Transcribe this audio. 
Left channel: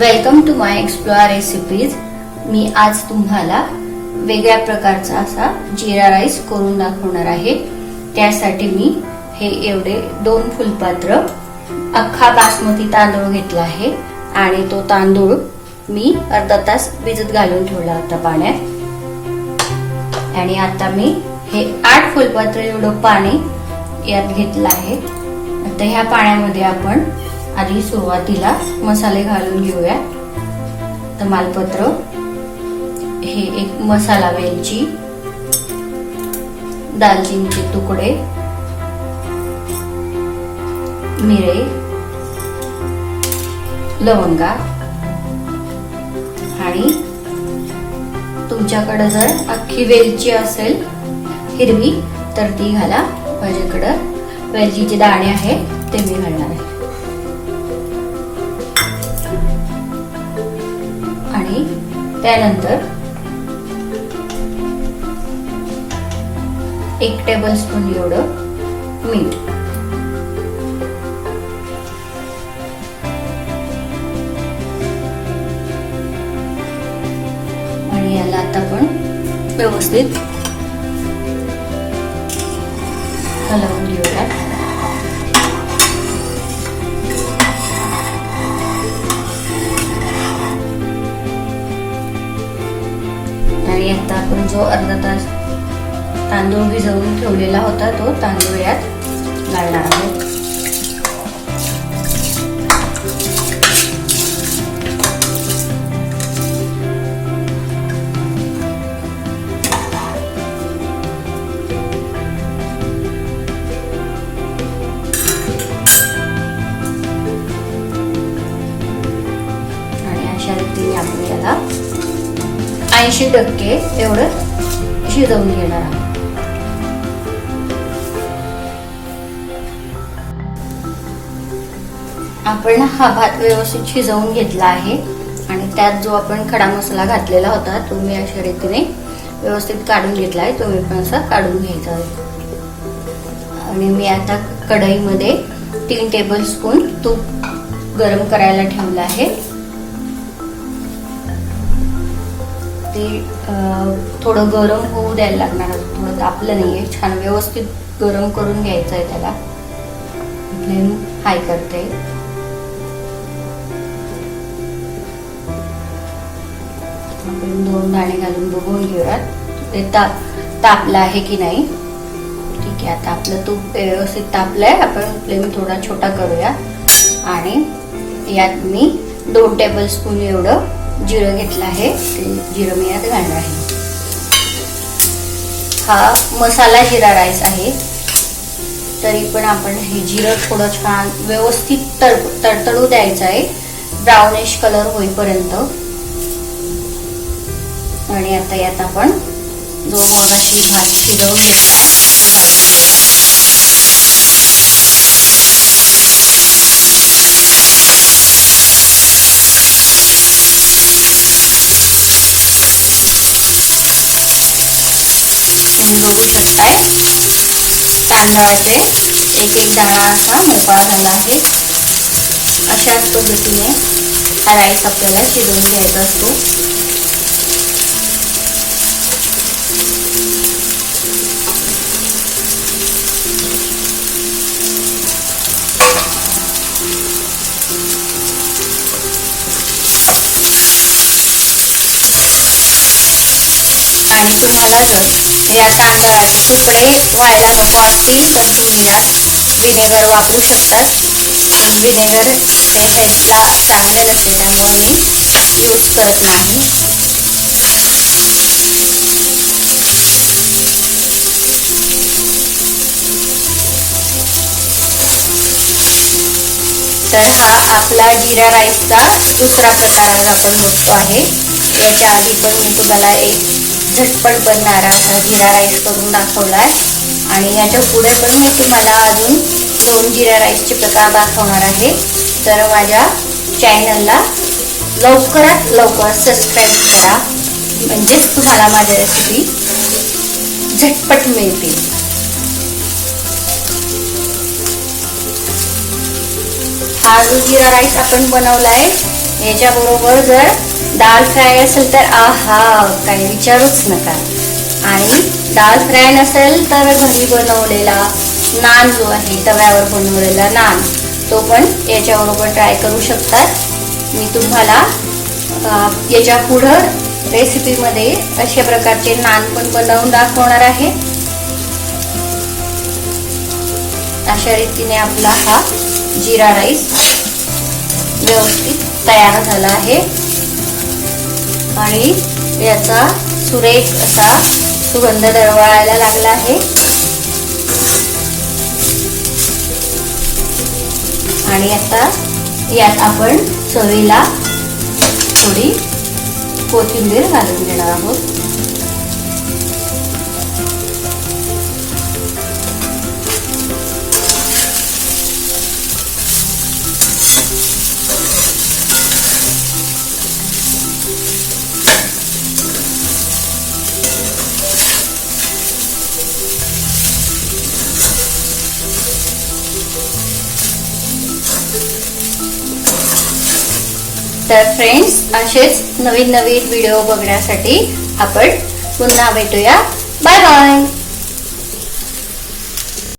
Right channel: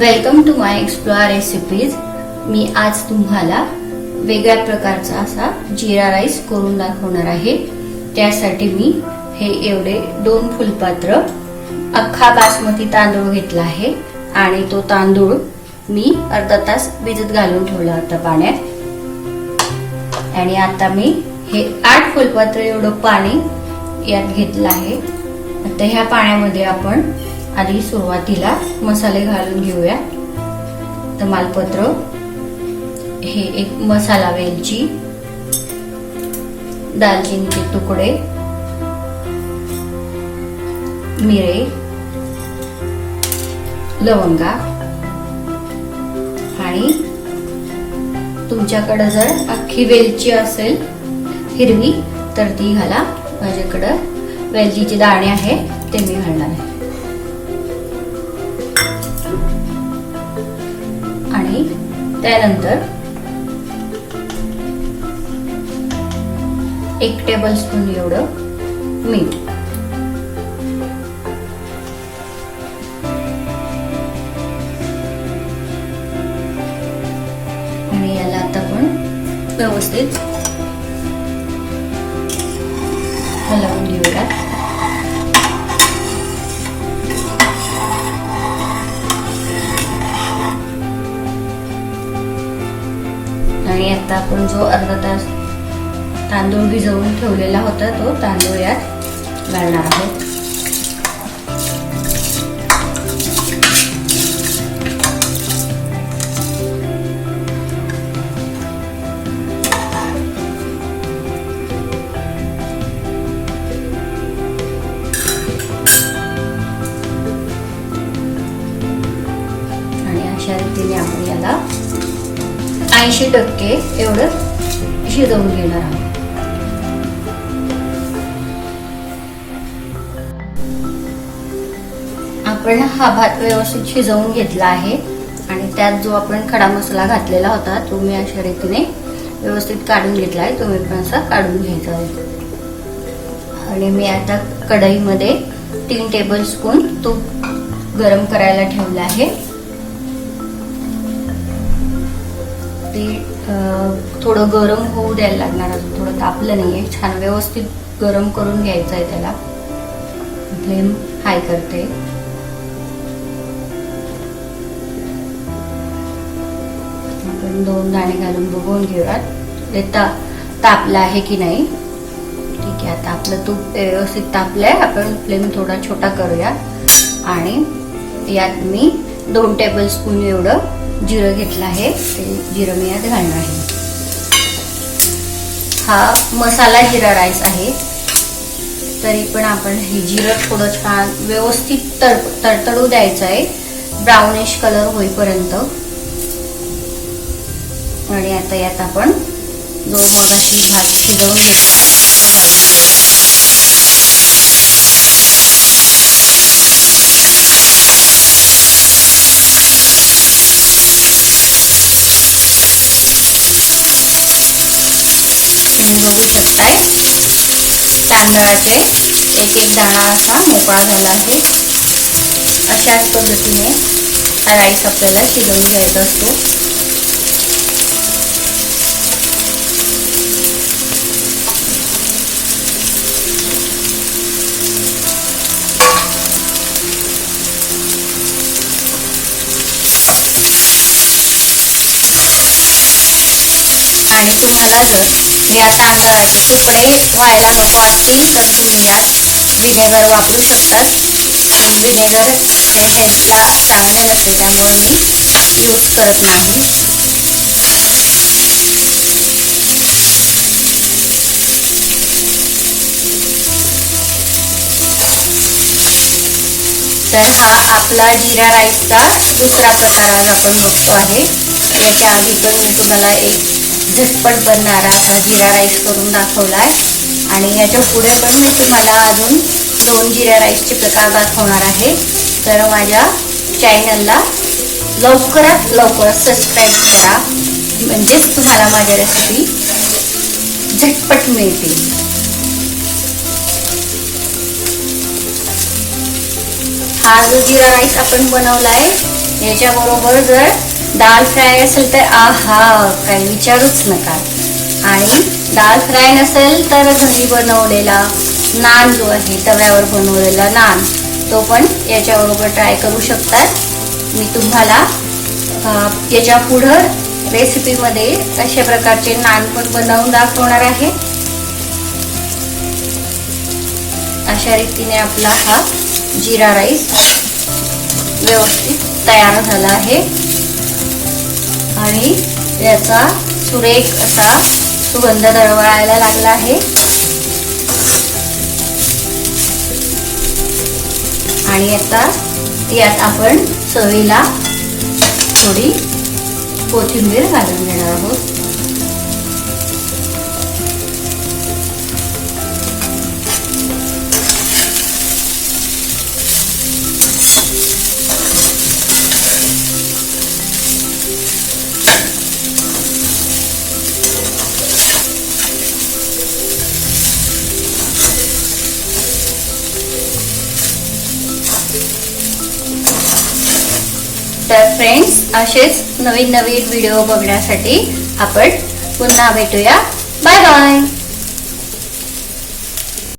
Welcome to my explore recipes. मी आज तुम्हाला वेगळ्या प्रकारचा असा जीरा राईस करून दाखवणार आहे। त्यासाठी मी हे एवढे 2 फुलपात्र अख्खा बासमती तांदूळ घेतला आहे आणि तो तांदूळ मी अर्धा तास भिजत घालून ठेवला होता पाण्यात। आणि आता मी हे 8 फुलपात्र एवढं पाणी यात घेतलं आहे। आता ह्या पाण्यामध्ये आपण आधी सुरुवातीला मसाले घालून घेऊया। तमालपत्र, हे एक मसाला वेलची, दालचिनीचे तुकडे, मिरे, लवंगा आणि तुमच्याकडे जर अख्खी वेलची असेल हिरवी तर ती घाला। माझ्याकडे वेलचीचे दाणे आहे ते मी घालणार आहे। आणि त्यानंतर 1 टेबलस्पून एवढं मीठ, आणि याला आता आपण व्यवस्थित हलवून घेऊया। आणि आता आपण जो अर्धा तास तांदूळ भिजवून ठेवलेला होता तो तांदूळ यात घालणार आहोत। आणि अशा रीतीने आपण याला 80% एवढं शिजवून घेणार आहोत। आपण हा भात व्यवस्थित शिजवून घेतला आहे आणि त्यात जो आपण खडा मसाला घातलेला होता तो मी अशा रीतीने व्यवस्थित काढून घेतला आहे। तुम्ही पण असा काढून घ्यायचा आहे। आणि मी आता कढईमध्ये 3 टेबलस्पून तूप गरम करायला ठेवलं आहे। थोडं गरम होऊ द्यायला लागणार, थोडं तापलं नाहीये, छान व्यवस्थित गरम करून घ्यायचं आहे। त्याला फ्लेम हाय करते। आपण 2 दाणे घालून बघून घेऊयात ते तापलं आहे की नाही। ठीक आहे, आता आपलं तूप व्यवस्थित तापलंय। आपण फ्लेम थोडा छोटा करूया आणि यात मी 2 टेबलस्पून एवढं जिरं घेतलं आहे, ते जिरं मी यात घालणार आहे। हा मसाला जिरा राईस आहे, तरी पण आपण हे जिरं थोडं छान व्यवस्थित तडतडू द्यायचं आहे, ब्राउनिश कलर होईपर्यंत। आणि आता यात आपण जो मगाशी भात शिजवून घेतला तो घालून घेऊया। तुम्ही बघू शकताय तांदळाचे एक दाणा असा मोकळा झाला आहे। अशाच पद्धतीने हा राईस आपल्याला शिजवून घ्यायचा असतो। आणि तुम्हाला जर या तांदळाचे तुकडे व्हायला नको असतील तर तुम्ही यात व्हिनेगर वापरू शकता। व्हिनेगर हे हेल्थला चांगले नसते, त्यामुळे मी यूज करत नाही। तर हा आपला जीरा राईसचा दुसरा प्रकार आज आपण बघतो आहे। याच्या आधी पण मी तुम्हाला एक झटपट बनणारा असा जीरा राईस करून दाखवलाय आणि याच्या पुढे पण मी तुम्हाला अजून 2 जीरा राईसचे प्रकार दाखवणार आहे। तर माझ्या चॅनलला लवकरात लवकर सबस्क्राईब करा, म्हणजेच तुम्हाला माझ्या रेसिपी झटपट मिळतील। हा जो जीरा राईस आपण बनवलाय याच्या बरोबर जर दाल फ्राय असेल तर आहा, काही विचारूच नका. आणि दाल फ्राय नसेल तर घरी बनवलेला नान जो आहे, तव्यावर बनवलेला नान, तो पण याच्याबरोबर ट्राय करू शकतात. मी तुम्हाला याच्या पुढं रेसिपीमध्ये अशा प्रकारचे नान पण बनवून दाखवणार आहे. अशा रीतीने आपला हा जीरा राईस व्यवस्थित तयार झाला आहे आणि याचा सुरेख असा सुगंध दरवळायला लागला आहे. आणि आता यात आपण चवीला थोडी कोथिंबीर घालून घेणार आहोत. तर फ्रेंड्स, असेच नवीन नवीन व्हिडिओ बघण्यासाठी आपण पुन्हा भेटूया. Bye bye.